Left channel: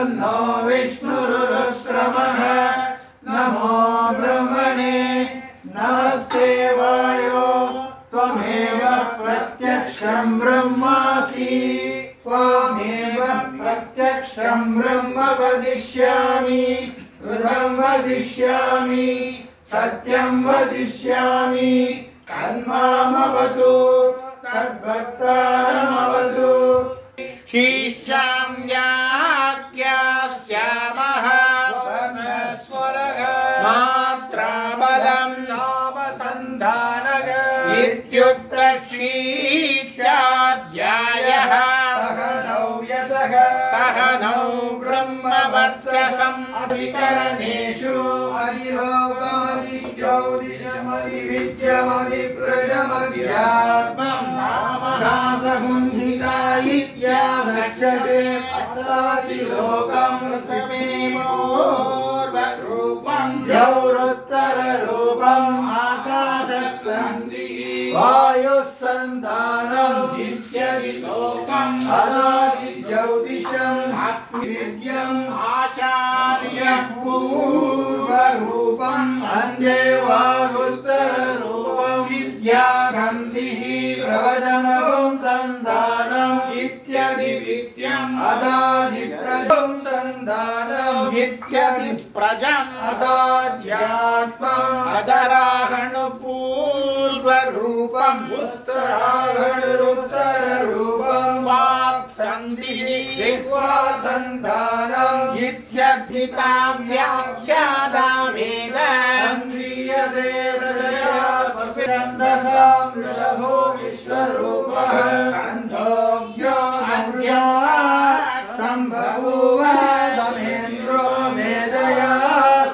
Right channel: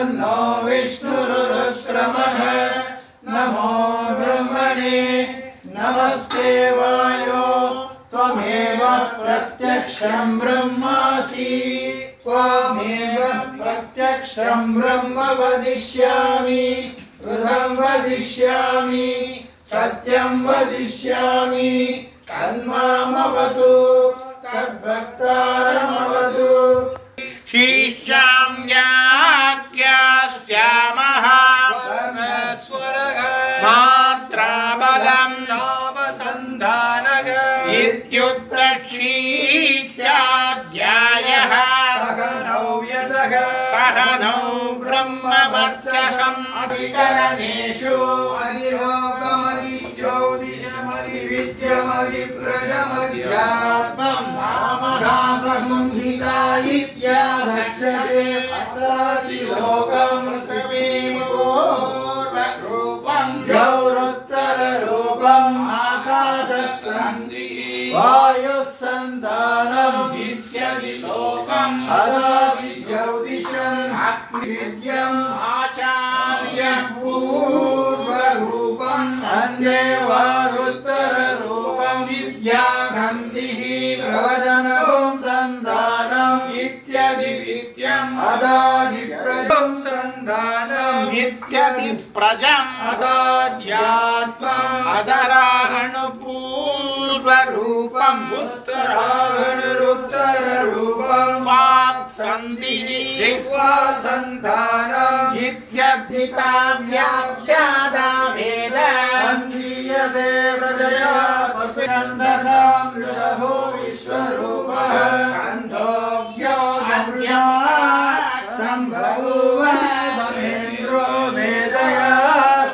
नो विष्णुरुक्रमः नमो ब्रह्मणे नमस्ते वायो त्वमेव प्रत्यक्षं ब्रह्मासि त्वमेव प्रत्यक्षं ब्रह्म वदिष्यामि कृतं वदिष्यामि सत्यं वदिष्यामि तन्मामवतु तद्भक्तारमवतु शिष्यां याज्ञास्यामः मात्राबलं सावसन्धानः इत्युक्तशिष्याध्यायः सहनौ ब्रह्मवर्चसम् अभिकरणेषु अधिलोकमधिज्योतिषमधिविद्यमधिप्रजमध्यात्मम् रामदाससंहिता इत्यादक्षते अत्रादिलोकम् रूपम् गौरोत्तररूपम् आकाशस्सन्धिः वायुः सन्धानम् इत्यदिलोकम् अदादिज्योतिषम् विद्यम् आचार्यपूर्वरूपम् अन्देवारुत्तररूपम् विद्यागन्धिः प्रवचनम् सन्धानम् इत्यादिविद्यम् अदादिप्रजम् सन्धानम् इत्यदिप्रजम् अदाध्यात्मम् अदराहणपूर्वरूपम् उत्तरागणरुत्तररूपम् वाक्सन्धिः दिक्वासन्धानम् इत्यधिता व्याख्यादा वेद अन्ध्रीयते प्रजया छन्दसां वृषभो विश्वरूपः छन्दोऽज्ञो नमृजा सम्बभूव समेन्द्रो मेधया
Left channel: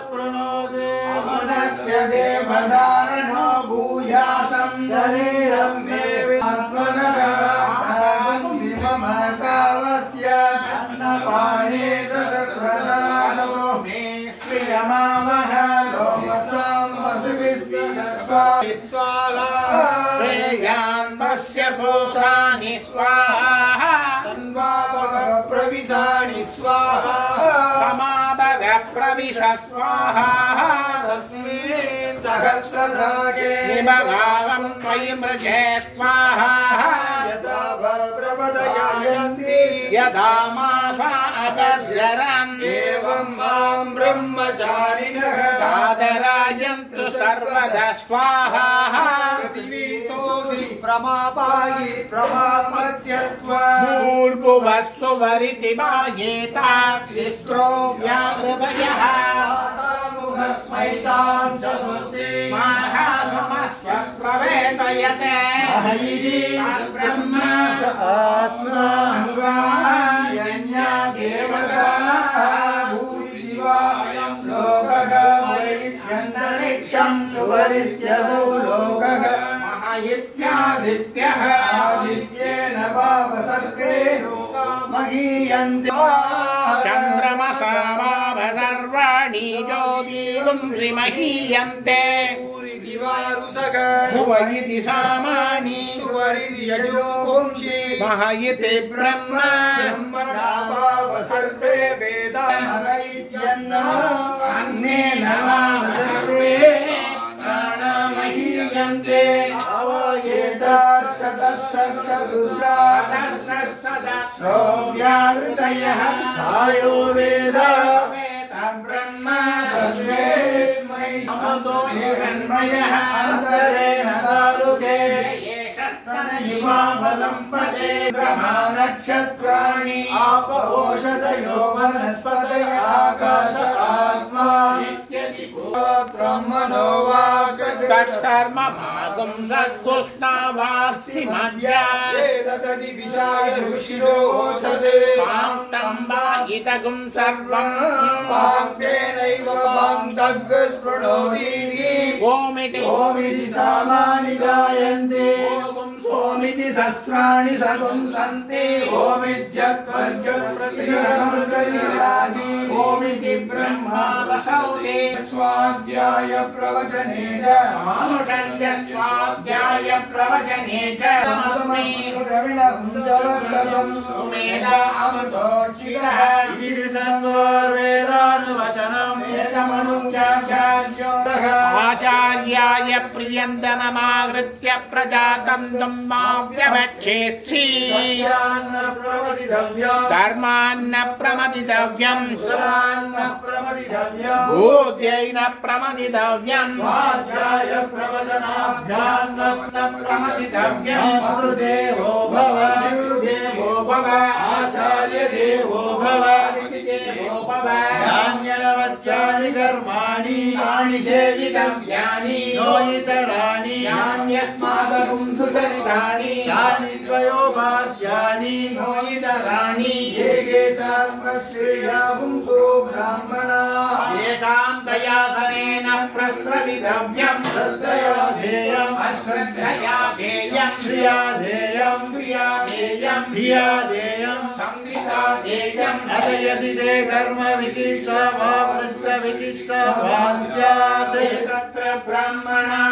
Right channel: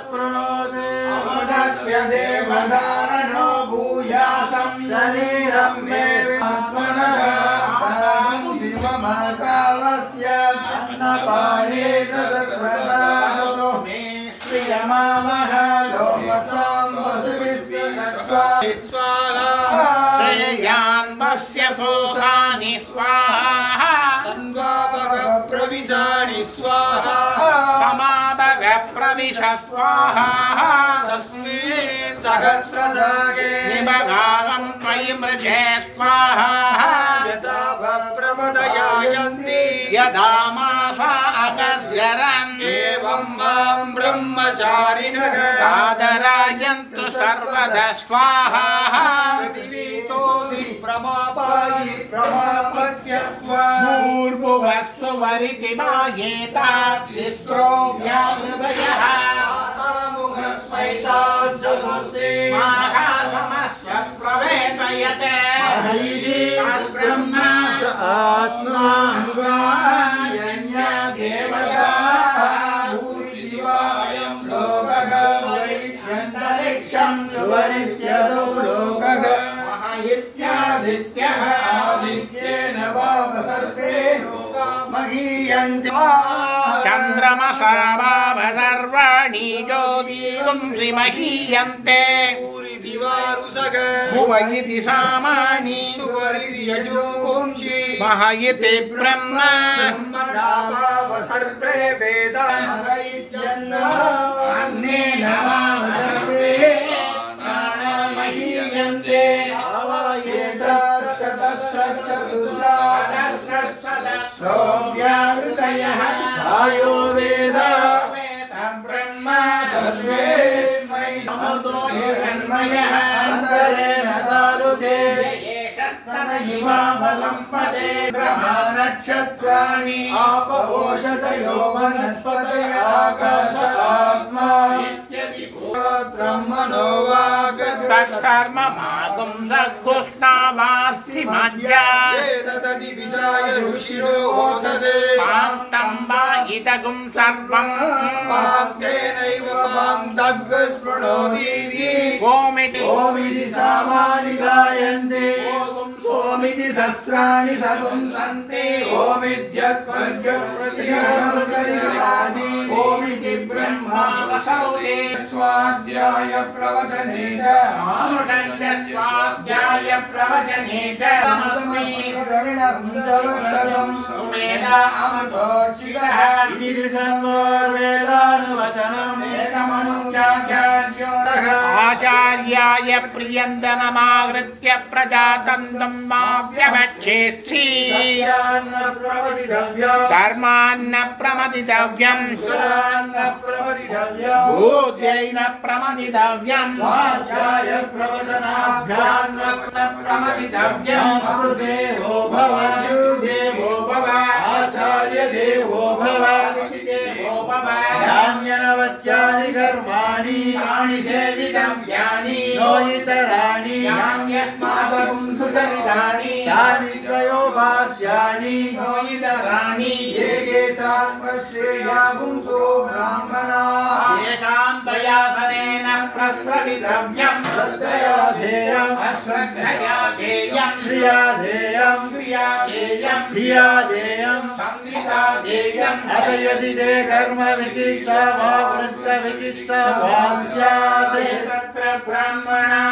स्पृणोति अमुदस्य देवधारणो भूयासं शरीरं मे आत्मनगवासागं दिवमकावस्य अन्नपाणे सदप्रदातो मे श्रियमामः लोमसां वसुभिस्वाहा श्रेयान्मस्य सोसानि स्वाहा प्रविशानि स्वाहा समाभग प्रविश स्वाहा तस्मिन् सहस्रशाके निभगावं त्वयि मृजे स्वाहा यदा प्रवदयायन्ति यदा मासा अतर्जरन् एवं मां ब्रह्मचारिणः आदरायन्तु सर्वदा स्वाहा प्रतिवीसोऽसि प्रमापायि प्रमापत्यत्वा भूर्भुवस्सु वरिति मायेताक्षिस्रो व्याहृदयः मुखस्मैतान् चतुर्थे महासमस्य प्रवेदयते ब्रह्म आत्माङ्गान्यन्या देवता भूरिदिवायं लोकः वैद्यन्तरिक्षं सुवरित्यसौ लोकः इत्यादित्यः आदित्येन वावसर्गे महीयन्ते चन्द्रमसा वाव सर्वाणि ज्योतिगुंसि महीयन्ते भुव इति सामानि मह इति ब्रह्म ब्रह्मणावावसर्गे वेदान्नेन वावसर्गे प्राणमहीयन्ते श्रोव्याहृदयः आयो वेद ब्रह्म हिरण्मयः अन्तरेण तालुके इवावलम्बते नक्षत्राणि आपवोषधयो वनस्पतय आकाश आत्मा ब्रह्मणो तत्कर्म मातुं सद्गुष्णावास्ति मध्या तदिविजाय ऋषिरोचते पाक्तं वा इदगुं सर्वं वाक्तेनैव मां दग्स्पृणोतीति ओमिति ओमिति सामानि गायन्ते ओमिति शस्त्राणि सपुंसन्ति ओमित्यत्पर्यप्रतिगृह्णाति ओमिति ब्रह्मा असौते स्वाध्याय प्रवचने च मानुषञ्च स्वाध्याय प्रवचने च द्रविणं सुमेध अमृतोचितः ईर्षङ्गोर्वेदानुवचनम् एकमनुचाचार्योरः आचार्याय प्रियन्दनमागृत्य प्रजातन्त्रं माव्यवच्छेत्सि धर्मान्न प्रमदितव्यम् भूत्यैन प्रमदितव्यम् स्वाध्याय प्रवचनाभ्यान्न प्रमदितव्यम् गुरुदेवो भव गुरुदेवो भव आचार्य देवो भव देवो भव यान्यनवत्यानि कर्माणि तानि सेवितव्यानि नोइतराणि यान्यस्माकं सुसविधानि तानि द्वयोपास्यानि नोइतराणि एके सात्मश्रेयागुंसो ब्राह्मणा एकान्तयासनेन प्रस्रवितव्यम् श्रद्धया ध्येयम् अश्रद्धया ध्येयम् श्रिया ध्येयम् क्रिया ध्येयम् धिया ध्येयम् संहिता ध्येयम् अथ यदि ते कर्म विचित्सा वा वृत्त विचित्सा वा स्यात् तत्र ब्रह्मणा